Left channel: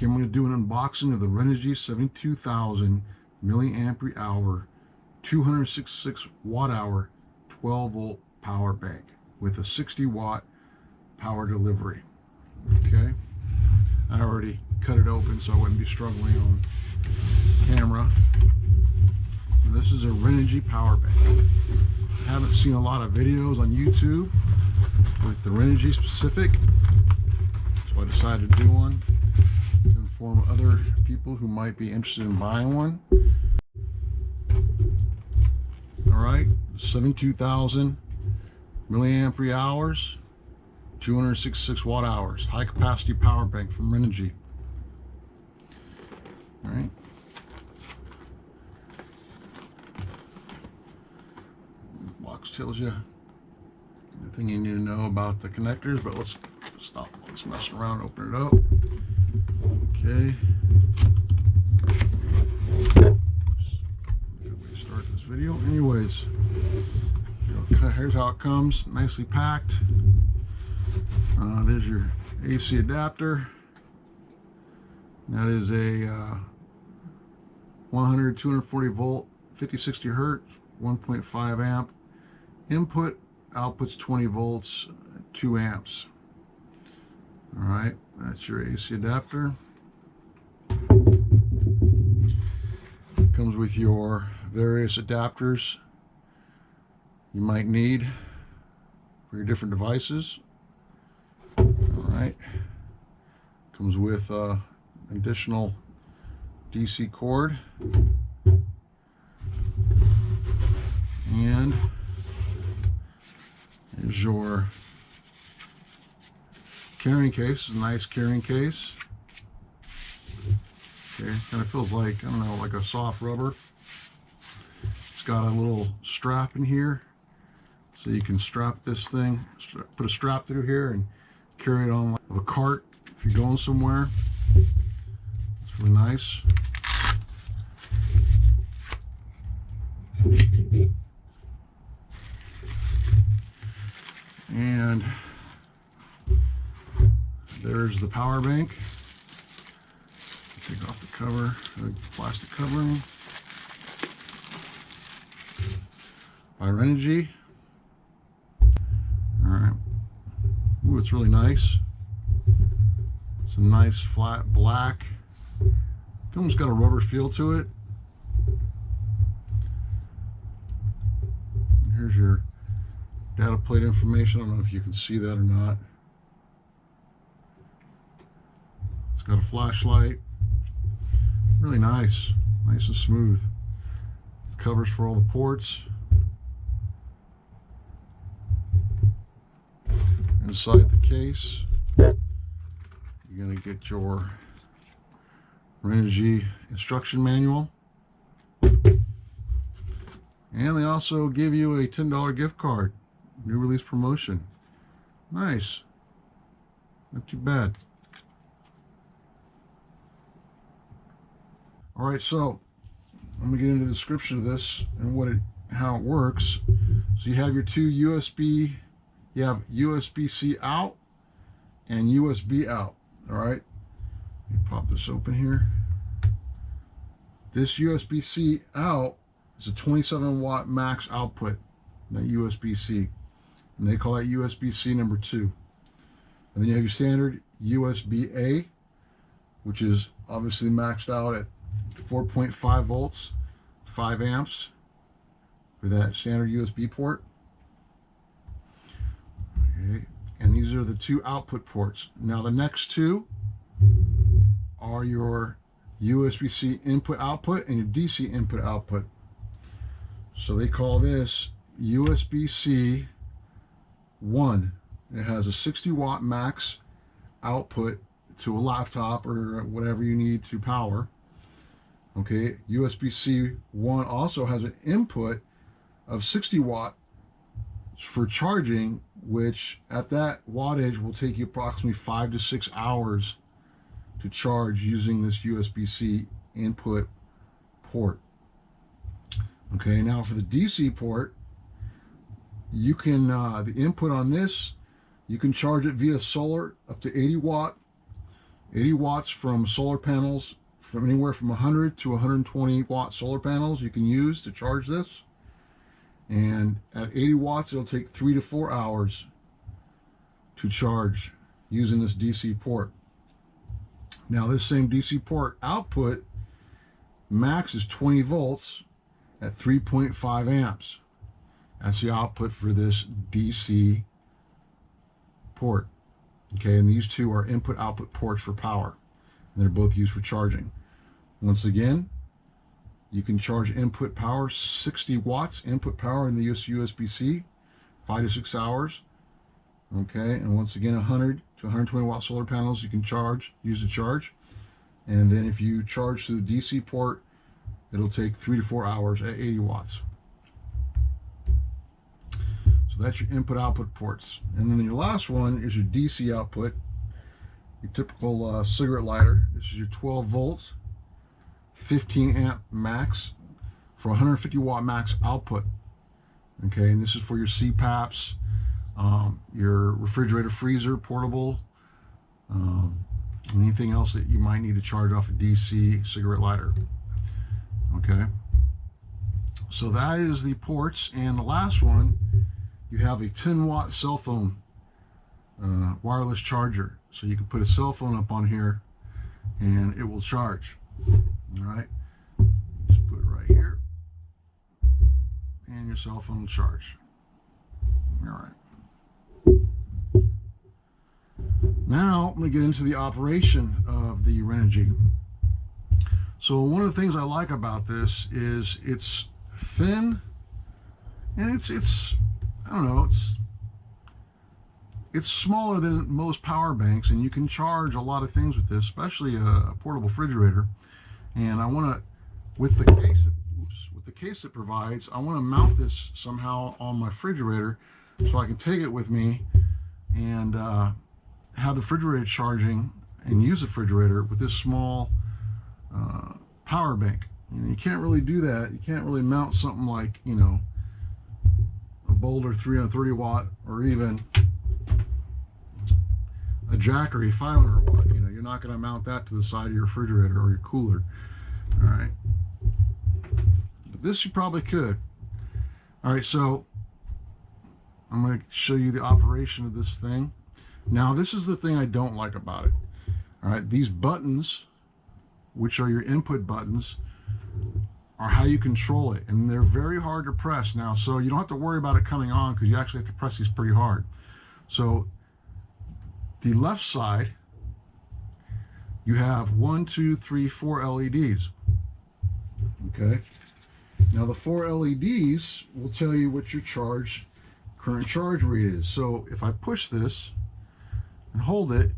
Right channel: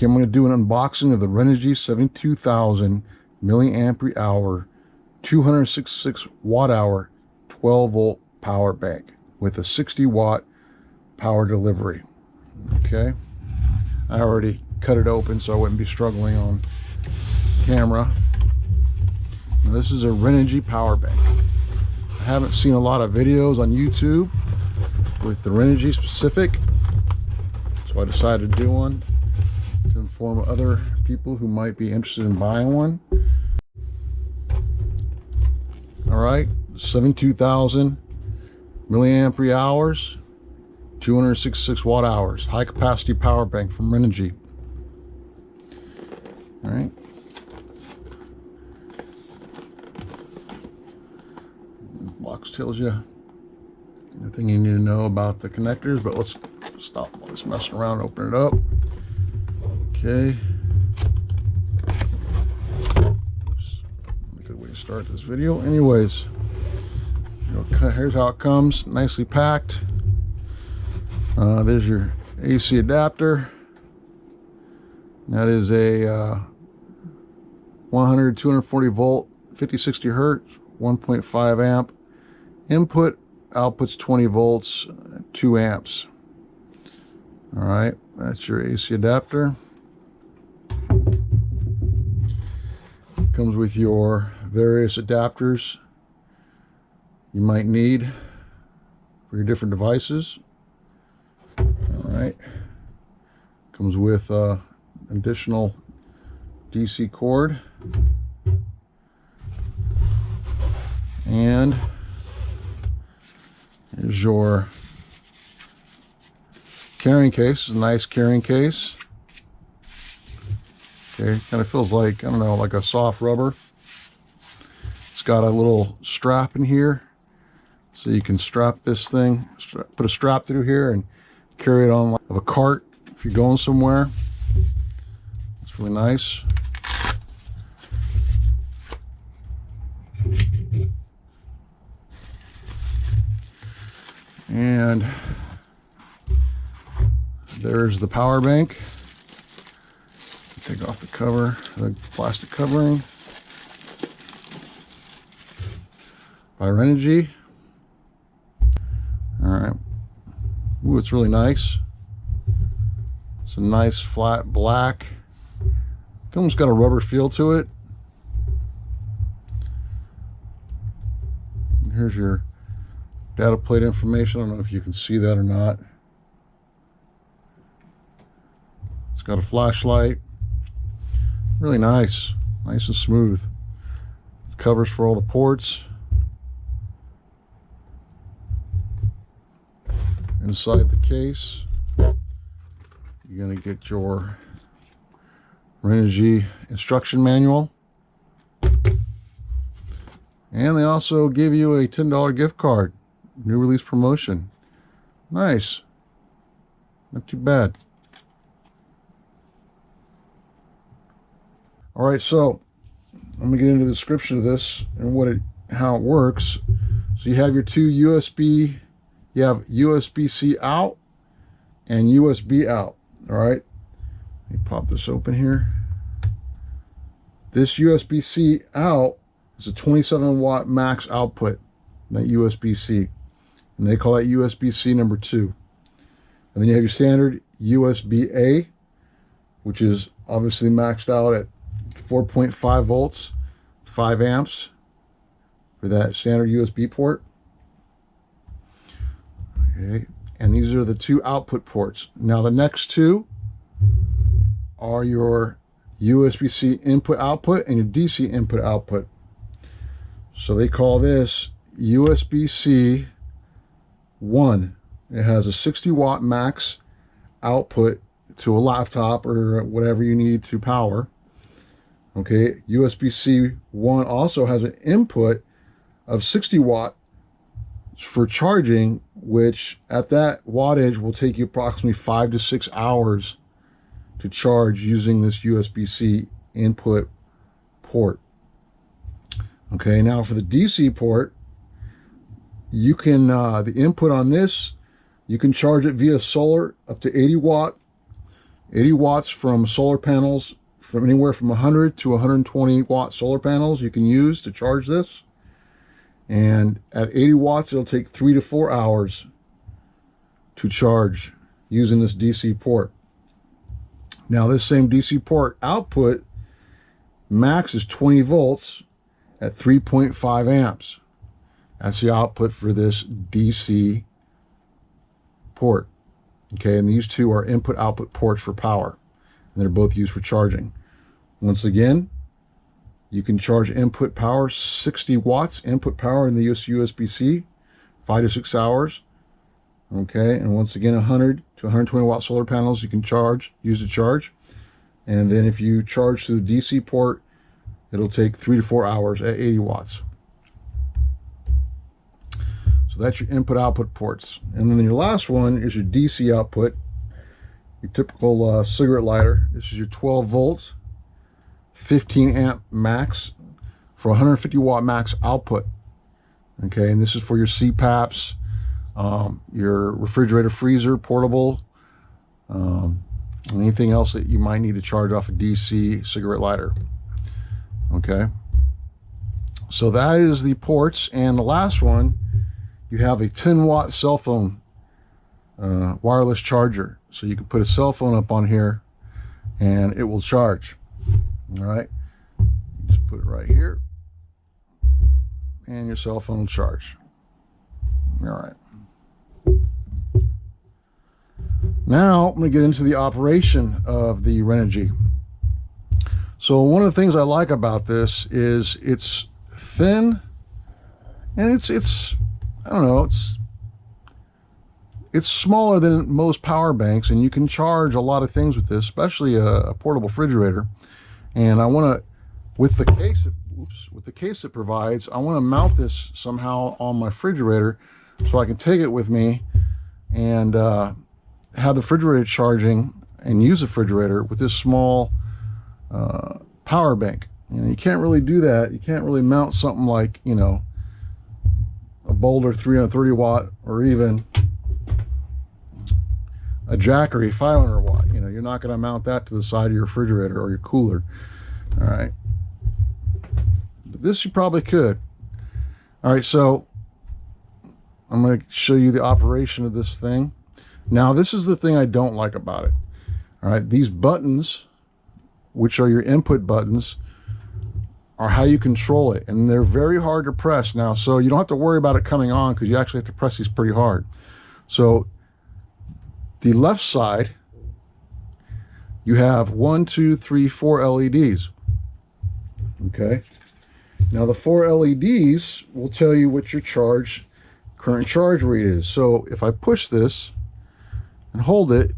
Okay, I'm going to do an unboxing of the Renogy 72,000 milliampere hour, 266 watt hour, 12 volt power bank with a 60 watt power delivery. Okay, I already cut it open so I wouldn't be struggling on camera. Now, this is a Renogy power bank. I haven't seen a lot of videos on YouTube with the Renogy specific, so I decided to do one to inform other people who might be interested in buying one. All right, 72,000 milliampere hours, 266 watt hours, high capacity power bank from Renogy. All right. Box tells you everything you need to know about the connectors, but let's stop all this messing around and open it up. Okay. Oops. A good way to start this video. Anyways, here's how it comes, nicely packed. There's your AC adapter. That is a 100, 240 volt, 50, 60 hertz, 1.5 amp. Input, output's 20 volts, 2 amps. All right, that's your AC adapter. Comes with your various adapters you might need for your different devices. All right, comes with additional DC cord, and here's your carrying case. It's a nice carrying case. Okay, kind of feels like, I don't know, like a soft rubber. It's got a little strap in here, so you can strap this thing, put a strap through here and carry it on like a cart if you're going somewhere. It's really nice. And there's the power bank. Take off the cover, the plastic covering by Renogy. All right. Ooh, it's really nice. It's a nice flat black. It's almost got a rubber feel to it. And here's your data plate information. I don't know if you can see that or not. It's got a flashlight. Really nice. Nice and smooth. It covers for all the ports. Inside the case, you're going to get your Renogy instruction manual. And they also give you a $10 gift card. New release promotion. Nice. Not too bad. All right, so I'm gonna get into the description of this and how it works. So you have your two USB, you have USB-C out and USB out. All right, let me pop this open here. This USB-C out is a 27 watt max output, that USB-C, and they call that USB-C number 2. And then you have your standard USB-A, which is obviously maxed out at 4.5 volts, 5 amps for that standard USB port. Okay, and these are the two output ports. Now the next two are your USB-C input output and your DC input output. So they call this USB-C 1. It has a 60 watt max output to a laptop or whatever you need to power. Okay, USB-C 1 also has an input of 60 watt for charging, which at that wattage will take you approximately 5 to 6 hours to charge using this USB-C input port. Okay, now for the DC port, you can, the input on this, you can charge it via solar up to 80 watt 80 watts from solar panels, from anywhere from 100 to 120 watt solar panels you can use to charge this. And at 80 watts, it'll take 3 to 4 hours to charge using this DC port. Now, this same DC port output max is 20 volts at 3.5 amps. That's the output for this DC port. Okay, and these two are input-output ports for power, and they're both used for charging. Once again, you can charge input power 60 watts input power in the USB-C, 5 to 6 hours. Okay, and once again, 100 to 120 watt solar panels you can use to charge. And then if you charge through the DC port, it'll take 3 to 4 hours at 80 watts. So that's your input-output ports. And then your last one is your DC output, your typical cigarette lighter. This is your 12 volts, 15 amp max for 150 watt max output. Okay, and this is for your CPAPs, your refrigerator, freezer, portable, anything else that you might need to charge off a DC cigarette lighter. Okay, so that is the ports. And the last one, you have a 10 watt cell phone wireless charger. So you can put a cell phone up on here and it will charge. All right, just put it right here and your cell phone will charge. All right. Now I'm going to get into the operation of the Renogy. So one of the things I like about this is it's thin, and it's I don't know, it's smaller than most power banks, and you can charge a lot of things with this, especially a portable refrigerator. And I want to, with the case it provides, I want to mount this somehow on my refrigerator so I can take it with me and have the refrigerator charging and use the refrigerator with this small power bank. You know, you can't really do that. You can't really mount something like, you know, a Boulder 330 watt or even a Jackery 500 watt. You know, you're not going to mount that to the side of your refrigerator or your cooler. All right. But this you probably could. All right, so I'm going to show you the operation of this thing. Now, this is the thing I don't like about it. All right, these buttons, which are your input buttons, are how you control it, and they're very hard to press now, so you don't have to worry about it coming on because you actually have to press these pretty hard. So the left side, you have 1, 2, 3, 4 LEDs. Okay, now the 4 LEDs will tell you what your current charge rate is. So if I push this and hold it,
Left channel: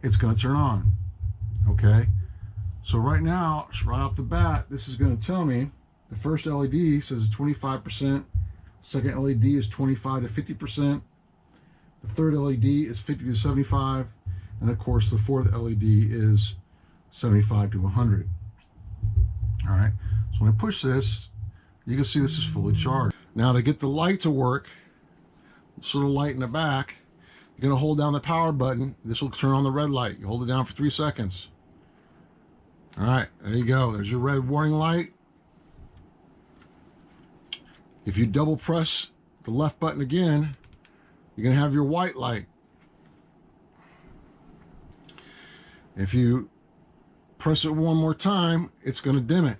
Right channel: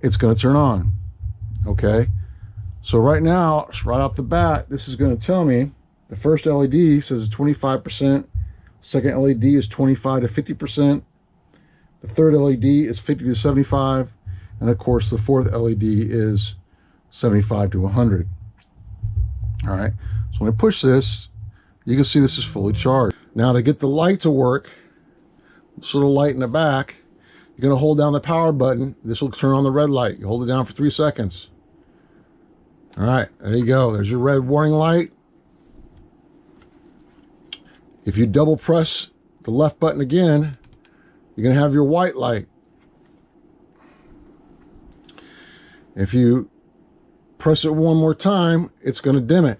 it's going to turn on. Okay, so right now, right off the bat, this is going to tell me the first LED says it's 25%, second LED is 25 to 50%, the third LED is 50 to 75, and of course the fourth LED is 75 to 100. All right, so when I push this, you can see this is fully charged. Now to get the light to work, this little light in the back, you're going to hold down the power button. This will turn on the red light. You hold it down for 3 seconds. All right, there you go. There's your red warning light. If you double press the left button again, you're going to have your white light. If you press it one more time, it's going to dim it,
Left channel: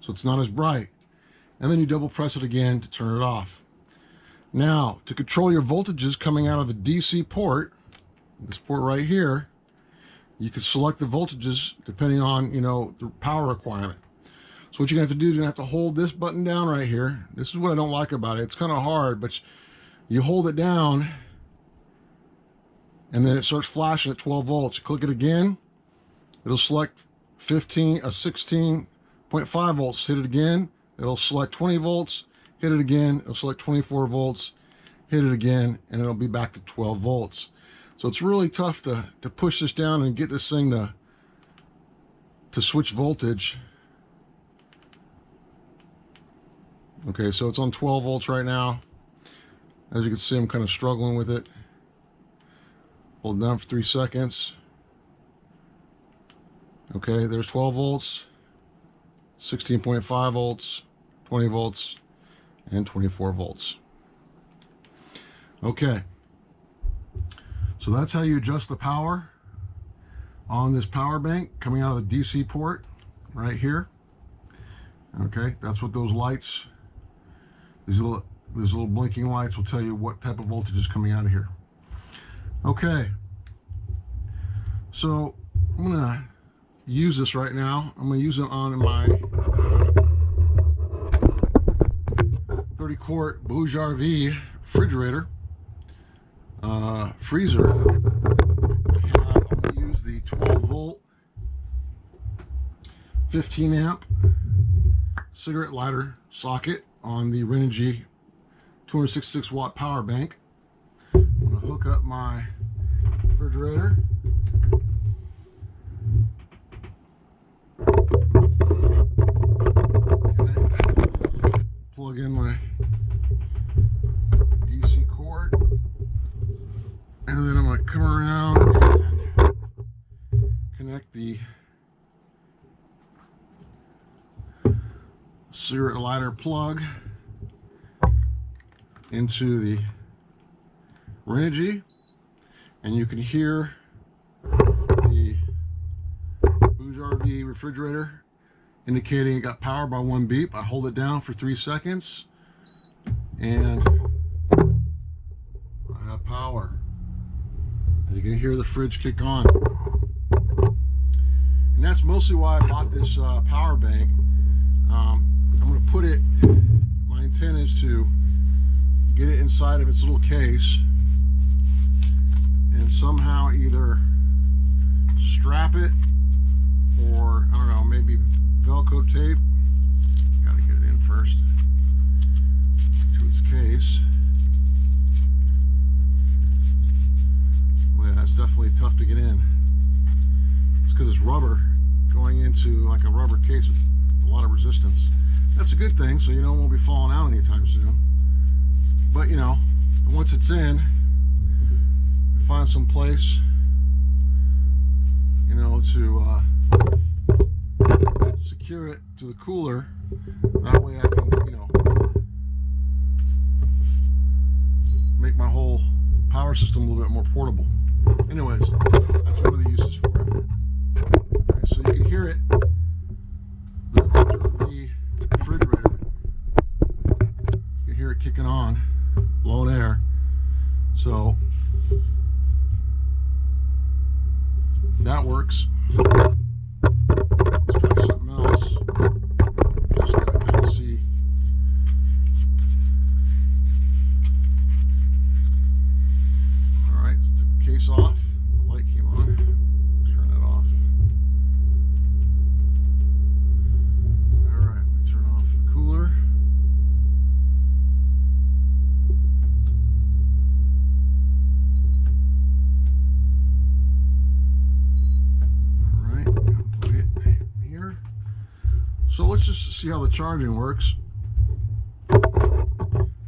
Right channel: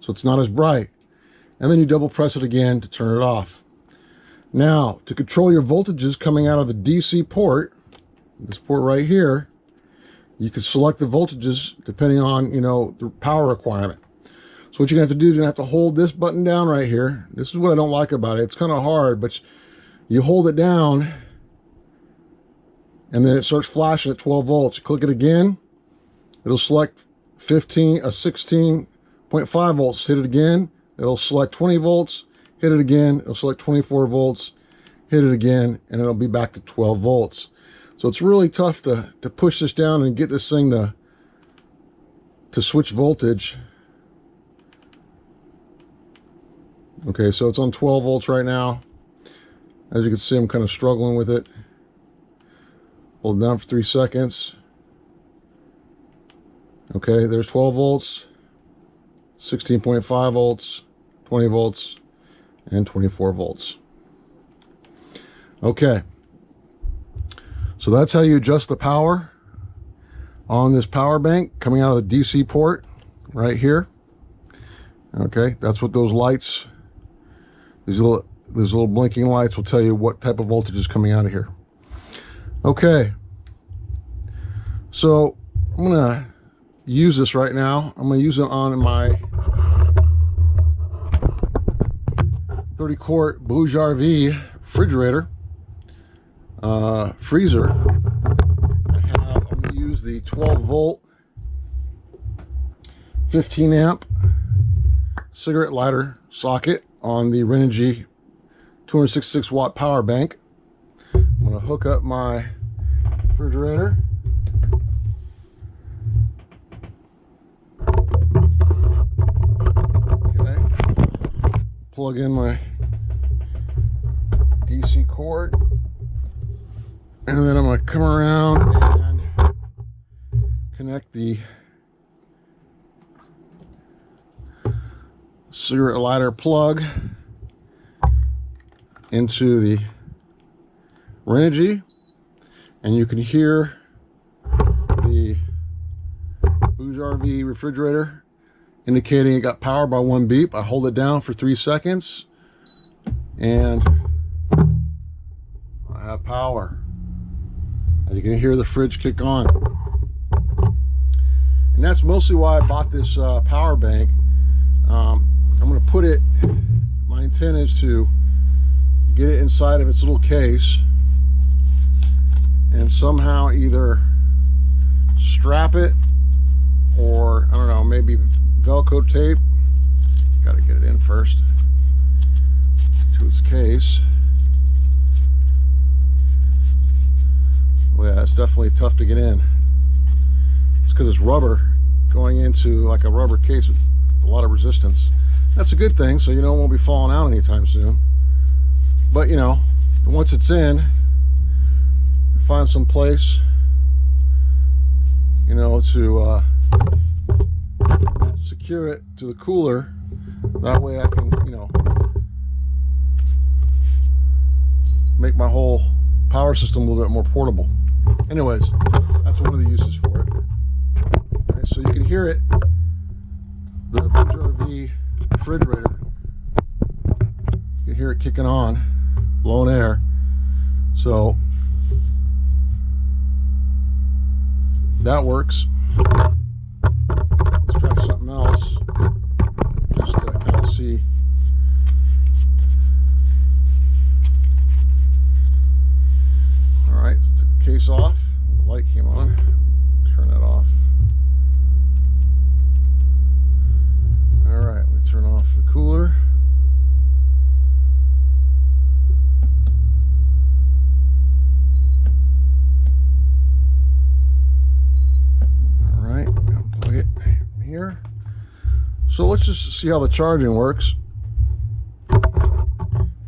so it's not as bright. And then you double press it again to turn it off. Now, to control your voltages coming out of the DC port, this port right here, you can select the voltages depending on, you know, the power requirement. So what you're going to have to do is you're going to have to hold this button down right here. This is what I don't like about it. It's kind of hard, but you hold it down and then it starts flashing at 12 volts. You click it again, it'll select 16.5 volts. Hit it again, it'll select 20 volts. Hit it again, it'll select 24 volts. Hit it again, and it'll be back to 12 volts. So it's really tough to push this down and get this thing to switch voltage. Okay, so it's on 12 volts right now. As you can see, I'm kind of struggling with it. Hold it down for 3 seconds. Okay, there's 12 volts, 16.5 volts, 20 volts, and 24 volts. Okay, so that's how you adjust the power on this power bank coming out of the DC port right here. Okay, that's what those lights, these little blinking lights will tell you what type of voltage is coming out of here. Okay, so I'm gonna use this right now. I'm gonna use it on my 30-quart Movavi refrigerator, freezer. I'm gonna use the 12-volt, 15-amp cigarette lighter socket on the Renogy 266-watt power bank. I'm gonna hook up my refrigerator. Okay. Plug in my DC cord. And then I'm gonna come around and connect the cigarette lighter plug into the Renogy, and you can hear the Movavi refrigerator indicating it got power by 1 beep. I hold it down for 3 seconds and I have power. And you can hear the fridge kick on. And that's mostly why I bought this power bank. I'm going to put it, my intent is to get it inside of its little case and somehow either strap it or, I don't know, maybe Velcro tape. Got to get it in first to its case. Well, yeah, it's definitely tough to get in. It's because it's rubber going into like a rubber case with a lot of resistance. That's a good thing, so you know it won't be falling out anytime soon. But you know, once it's in, find some place, you know, to secure it to the cooler. That way I can, you know, make my whole power system a little bit more portable. Anyways, that's one of the uses for it. All right, so you can hear it, the Movavi refrigerator. You can hear it kicking on, blowing air. So that works. Let's try something else just to kind of see. All right, let's take the case off. The light came on. Turn that off. All right, let me turn off the cooler. All right, unplug it from here. So let's just see how the charging works.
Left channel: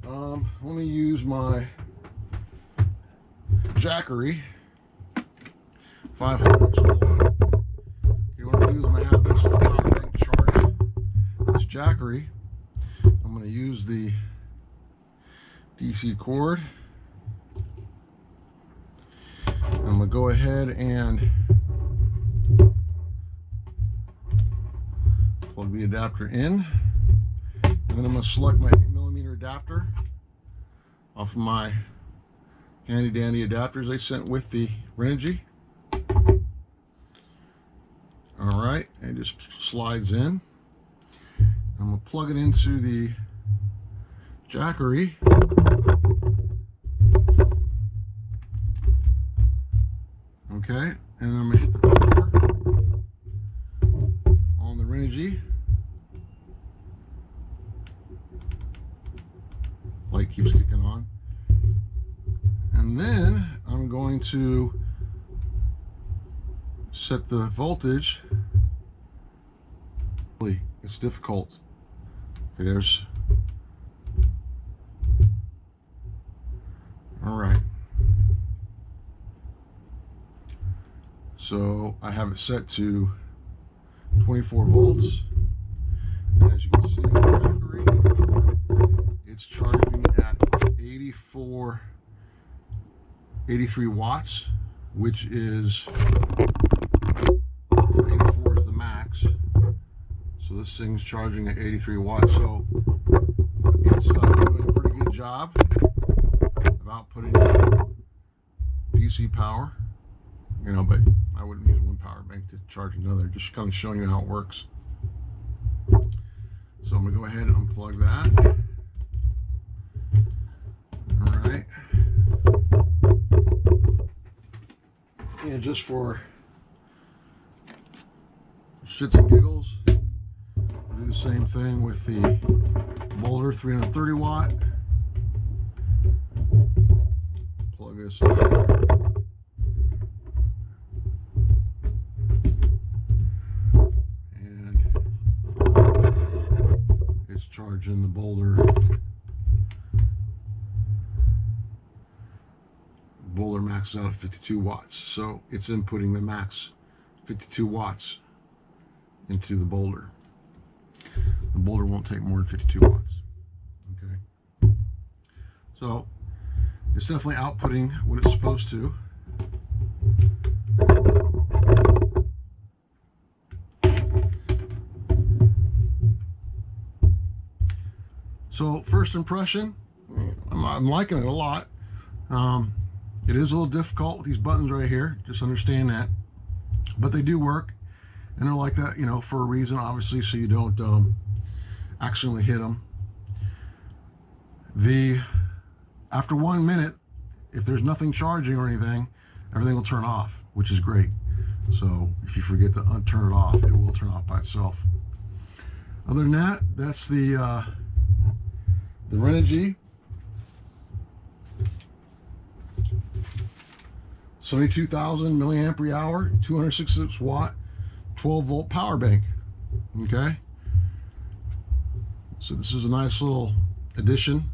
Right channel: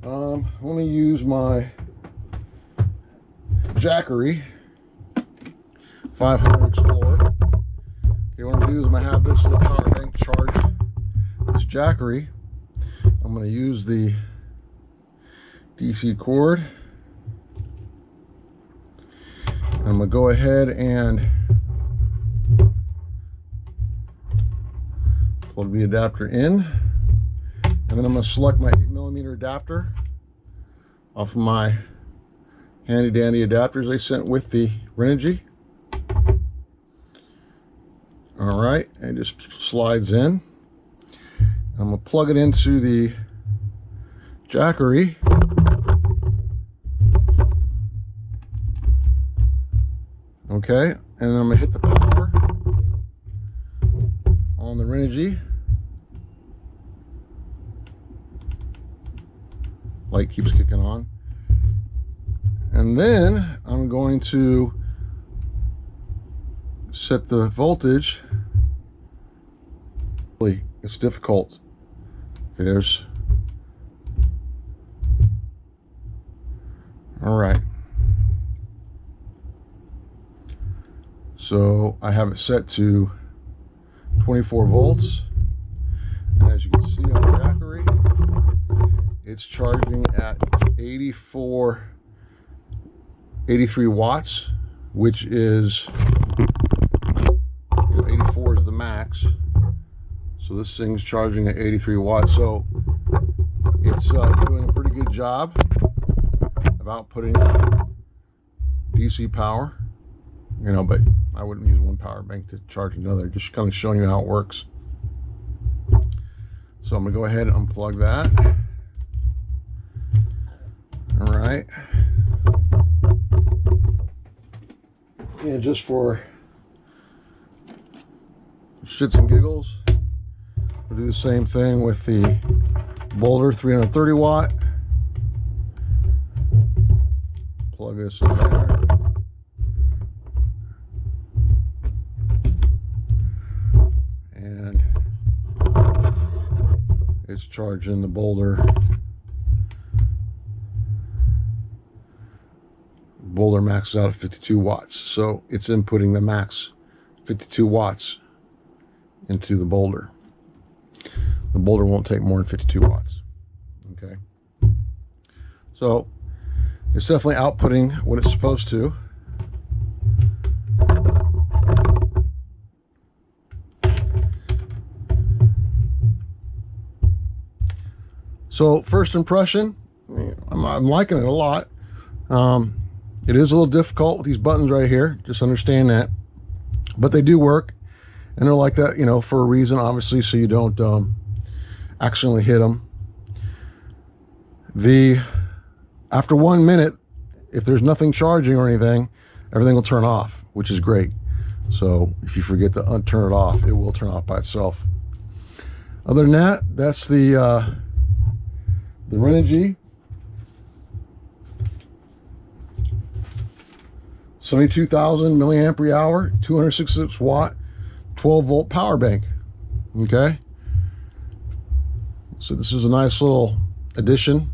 Let me use my Jackery 500 Explorer. Okay, what I'm gonna do is I'm gonna have this little power bank charge this Jackery. I'm gonna use the DC cord. I'm gonna go ahead and plug the adapter in, and then I'm gonna select my 8mm adapter off of my handy dandy adapters they sent with the Renogy. All right, it just slides in. I'm gonna plug it into the Jackery. Okay, and then I'm gonna hit the power on the Renogy. Light keeps kicking on. And then I'm going to set the voltage. It's difficult. Okay, there's, all right. So I have it set to 24 volts. And as you can see on the Jackery, it's charging at 83 watts, which is, 84 is the max. So this thing's charging at 83 watts. So it's doing a pretty good job of outputting DC power, but I wouldn't use one power bank to charge another, just kind of showing you how it works. So I'm gonna go ahead and unplug that. All right. And just for shits and giggles, we'll do the same thing with the Boulder 330 watt. Plug this in there. And it's charging the Boulder. Boulder maxes out at 52 watts. So it's inputting the max 52 watts into the Boulder. The Boulder won't take more than 52 watts. Okay. So it's definitely outputting what it's supposed to. So first impression, I'm liking it a lot. It is a little difficult with these buttons right here. Just understand that. But they do work. And they're like that, for a reason, obviously, so you don't accidentally hit them. After 1 minute, if there's nothing charging or anything, everything will turn off, which is great. So if you forget to turn it off, it will turn off by itself. Other than that, that's the Renogy 72,000 milliampere hour, 266 watt, 12 volt power bank. Okay. So this is a nice little addition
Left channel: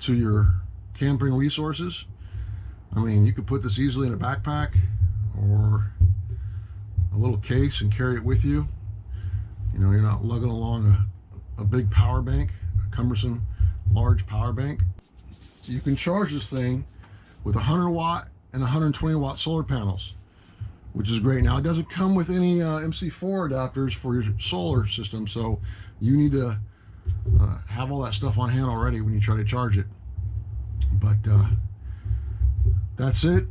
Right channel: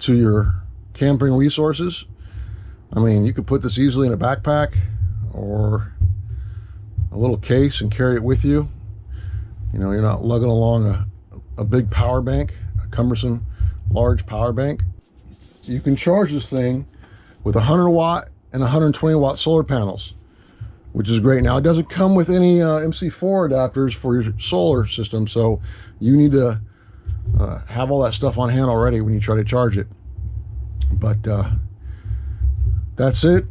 to your camping resources. I mean, you could put this easily in a backpack or a little case and carry it with you. You're not lugging along a big power bank, a cumbersome large power bank. You can charge this thing with 100 watt and 120 watt solar panels, which is great. Now, it doesn't come with any MC4 adapters for your solar system, so you need to have all that stuff on hand already when you try to charge it. But that's it.